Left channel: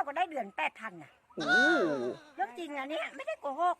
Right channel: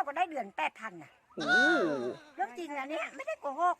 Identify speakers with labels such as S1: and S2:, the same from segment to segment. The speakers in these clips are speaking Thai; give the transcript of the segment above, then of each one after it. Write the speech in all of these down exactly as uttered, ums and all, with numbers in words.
S1: ก็ได้เดือนแปดพันอ่ะเรื่องจริงนะเนี่ยไม่ได้โกหก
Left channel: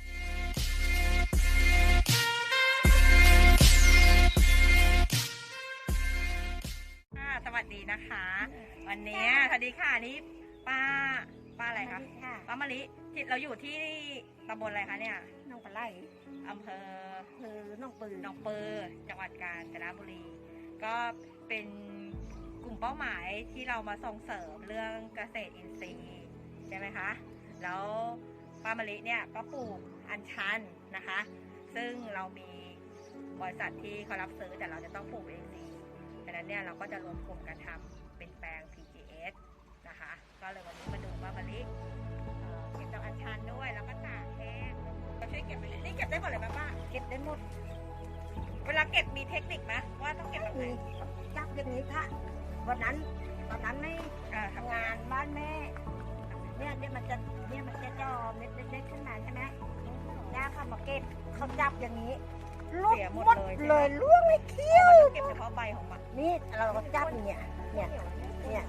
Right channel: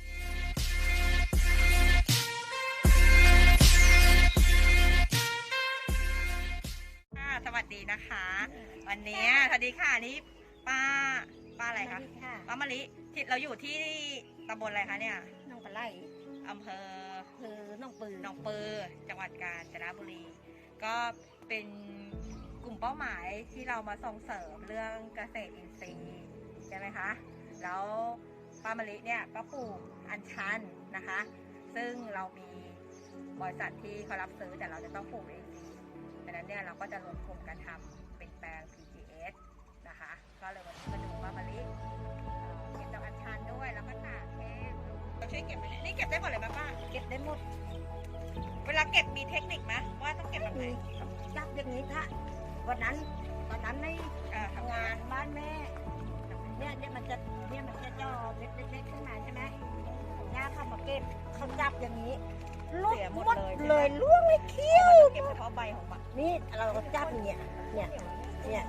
S2: สวัสดีนะคะวันนี้สวัสดีค่ะนี่ป้าป้าอะไรคะป้ามะลิที่เราอยู่ที่ตำบลอะไรคะเนี่ย
S1: น้องปลาไหล
S2: อำเภอ
S1: อำเภอหนองปือ
S2: หนองปือจังหวัดกาญจนบุรี ก็เป็นกลุ่มเป้าหมายที่เรามาส่งเสริมเรื่องเกษตรอินทรีย์ใช่ไหมคะแล้วป้ามะลิเนี่ยก็ปลูกอัญชันนะคะซึ่งเรามีบริษัทที่เขารับซื้อแต่เราจะต้องปลูกเองดังนั้นเนี่ยเราก็จะรวมกลุ่มกันทำเป็นแปลง พี จี เอส นะคะก็เลยวันนี้มาดูป้ามะลิเก็บดอกอัญชันด้วยแล้วก็ตากแห้งเราช่วยเก็บไปเลยนี่เก็บได้หมดเลยไหมป้า
S1: เก็บได้หมด
S2: เวลาเก็บมีเทคนิคไหมว่าต้องเก็บแบบไหน
S1: จับอย่างนี้ค่ะวันนั้นตอนนั้นไม่ทำงานบ้านแม่เนี่ยเนี่ยมันจะเนี่ยมันจะจ่อเม็ดเล็กๆขึ้นมาใช่ไหมน้าเข้ามาเก็บเขาจับอย่างนี้ลุกหมดเลยล่วงเลยเคี้ยว
S2: เก็บเฉพาะใบของมัน
S1: นี่เราก็จับเนี่ยเนี่ยเนี่ย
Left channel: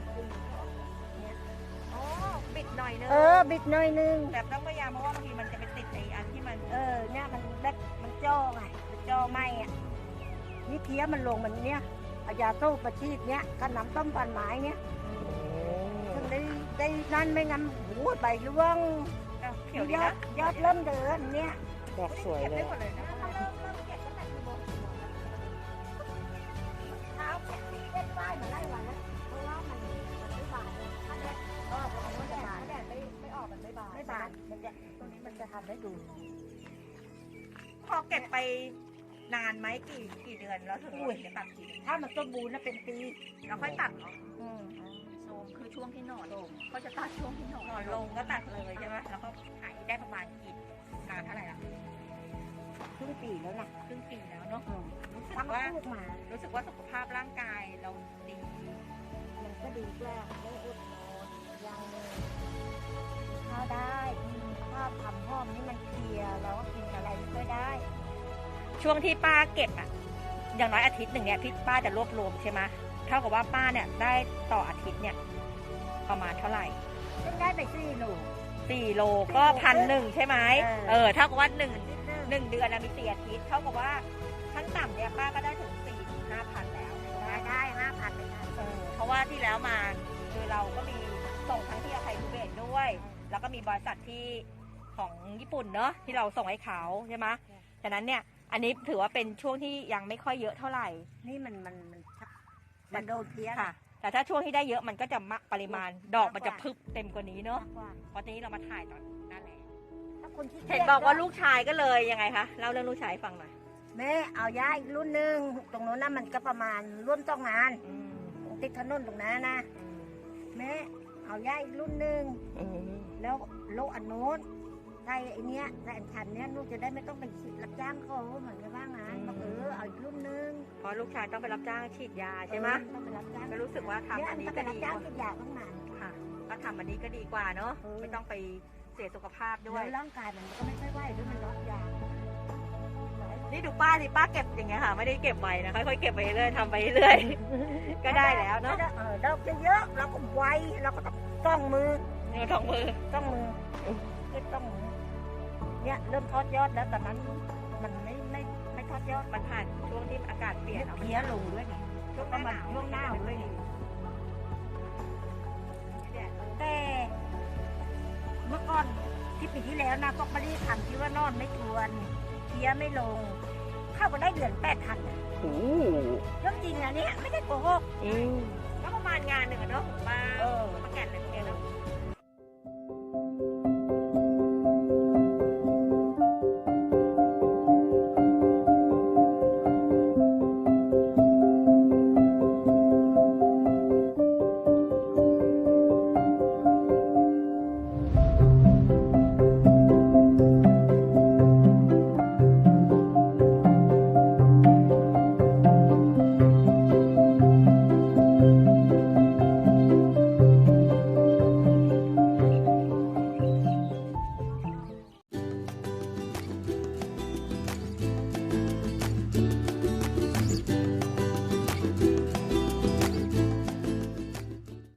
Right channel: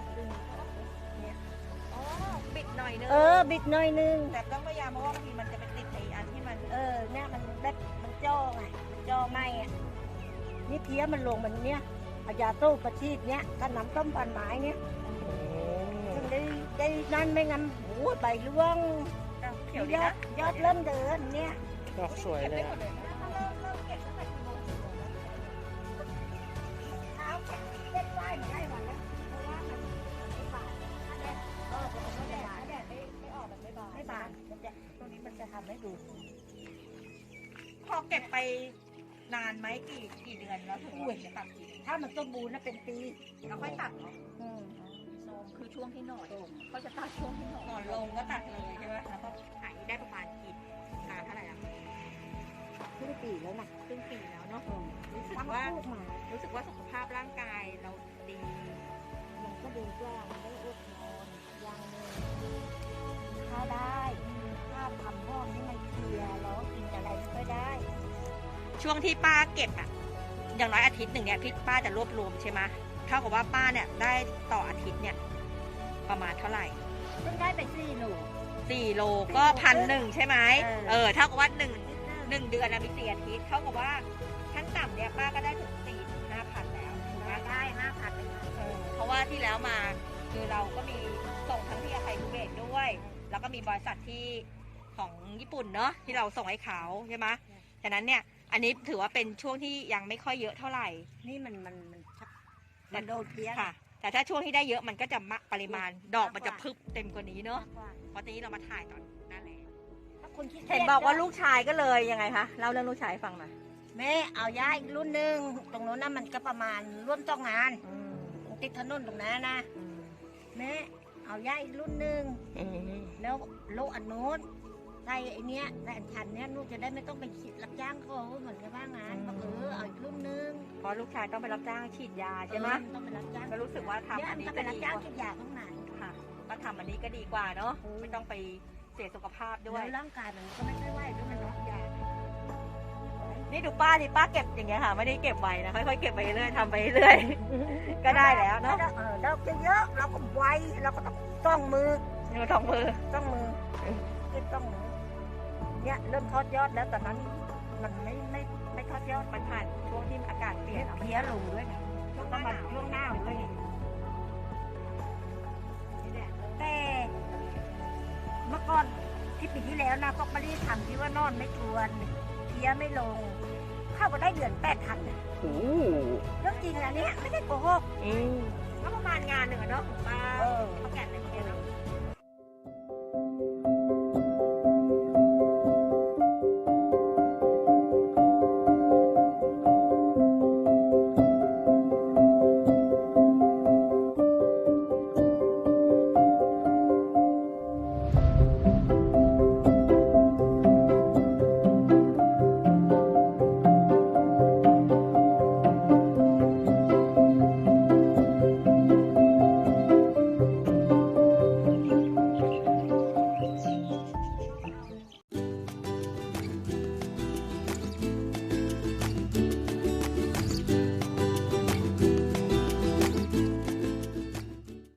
S2: อ๋อบิดหน่อยนึง
S1: เออบิดหน่อยนึง
S2: แต่ต้องพยายามเพราะว่าบางทีมันจะไปติดไอ้อันที่มัน
S1: เออเนี่ยมันเล็กมันจ่อไงมันจ่อไหมอ่ะนี่เคี้ยวมันลงมันเนี่ยเอายาตู้ประชีดเนี่ยก็น้ำต้มปันไม้เนี่ยถึงได้ได้นั่นไม่งั้นโอ้ใบร่วง
S2: เขียวดีนะ
S1: ยอดเริ่มเดินเนี่ย
S3: ดอกสวยเลย
S1: ไม่บานมันจะตรงนี้มันจะทำให้ดู
S2: พอเก็บไปนานไหมกี่กี่เดือนแล้วถึงจะตัดที
S1: ถ้ามันสมบูรณ์นะเป็นปี
S2: เราค่อยตัดเนาะ
S1: อืม
S2: โซมคือช่วงที่หนอนลงเขาจะตัดช่วงที่หนอนหนอนลงก็ตัดเลยใช่ไหมแล้วก็ขายได้ประมาณกี่นานเท่าไหร่อะ
S1: ครึ่งปีแล้วนะ
S2: ครึ่งปีแล้วเนาะ
S1: รู้สึกว่า
S2: รู้สึกว่าสุขภาพร่างกายเราดี
S1: มันก็ดีกว่าได้อดนอนยังเลยข้าวได้ข้าวทำห้อมนี่มันเคลียร์แล้วกินอะไรไม่ค่อยได้
S2: ช่วงที่ป้าเก็บอ่ะอย่างน้อยอาทิตย์หนึ่งเนี่ยพี่ป้าจะรวบรวมใช่ไหมเท่ากับว่าป้าเนี่ยได้ต่ออาทิตย์เนี่ยประมาณเท่าไหร่
S1: เพิ่งได้ไปสี่โล
S2: สี่โลก็พันหนึ่งใช่ไหมเออเท่ากับว่าหนึ่งหนึ่งเดือนนะมีสี่อาทิตย์เท่ากับว่าขั้นต่ำเนี่ยป้าก็ได้ถึงสี่ถึงห้าพันแล้วถูกไหม
S1: ได้ห้าพันเลยค่ะ
S2: เออเพราะว่าที่แล้วมาคือเราก็มีส่งทั้งที่อาไทยทูเบตด้วยแล้วก็มีบริษัทที่ของญี่ปุ่นเนอะที่เราส่งให้เขาใช่ไหมฉะนั้นเนี่ยอันนี้ถือว่าเป็นช่วงที่ยังไม่ค่อยเยอะเท่าไหร่
S1: นี่มันมันมันมันโดนเพี้ย
S2: ค่ะแต่ถ้าช่วงที่ได้เยอะมันก็จะมากปริมาณดอกมันจะพึบเต็มกว่านี้เนอะเพราะนี้เรามาถ่ายตอนนั่นแหละ
S1: ถ้าคนที่
S2: เห็นบอกว่าลูกชายก็เลยยังไงคะเล่าเรื่องลูกชายฟังมา
S1: แม่เอาย้ายอีกรุ่นหนึ่งตรงโน้นน่ะมันก็ประมาณร่วมต้องงานติดถนนตรงนั้นนะแม่เอาย้ายอีกรุ่นหนึ่งแล้วโลอันโน้นใส่ไอเนี้ยใส่อันชันเนี้ยลูกจะได้ไม่ต้องไปฉีดรับจ้างเขาเหมือนกับว่างานบอกเออเอาอีกรุ่นหนึ่ง
S2: เพราะลูกชายต้องไปรับจ้างฉีดยาใช่ไหม
S1: ต้องไปรับจ้าง
S2: ก็รู้สึกว่าทำ
S1: อันนี้ก็ไปรับจ้างฉีดยาต้องนาน
S2: ค่ะก็ทำอันนี้ก็ดีกว่าเนาะไม่ต้องไปเสียสุขภาพด้วย
S1: แล้วร่างกายมันก็ไม่ค่อยไหวด้วยมันน็อกยา
S2: นี่ดูป้าดิป้าเก็บอย่างเงี้ยค่ะไม่ได้เก็บไว้นะค่อยๆเก็บไปเรื่อยทำไปเรื่อยก็ได้แล้วเนาะ
S1: เออดอกเยอะเราก็ไวเราก็ต้องมือ
S2: ต้องมือ
S1: ต้องมือเก็บต้องมือเนี่ยเริ่มทอดยอดแล้วแต่นั้นมันไม่ไม่ไม่ทอดยอด
S2: มันผ่านช่วงที่อากาศเปลี่ยน
S1: เพี้ยลงด้วยไงแล้วก็มาช่วงหน้าด้วยไงแต่เมื่อก่อนที่ปีที่แล้วนะก็ไม่ได้ทำที่ว่านอนไม่กวนเพี้ยไม่ลงเข้าก็ได้เดือนแปดพันโอ้เรื่องจริงนะเนี่ยไม่ได้โกหก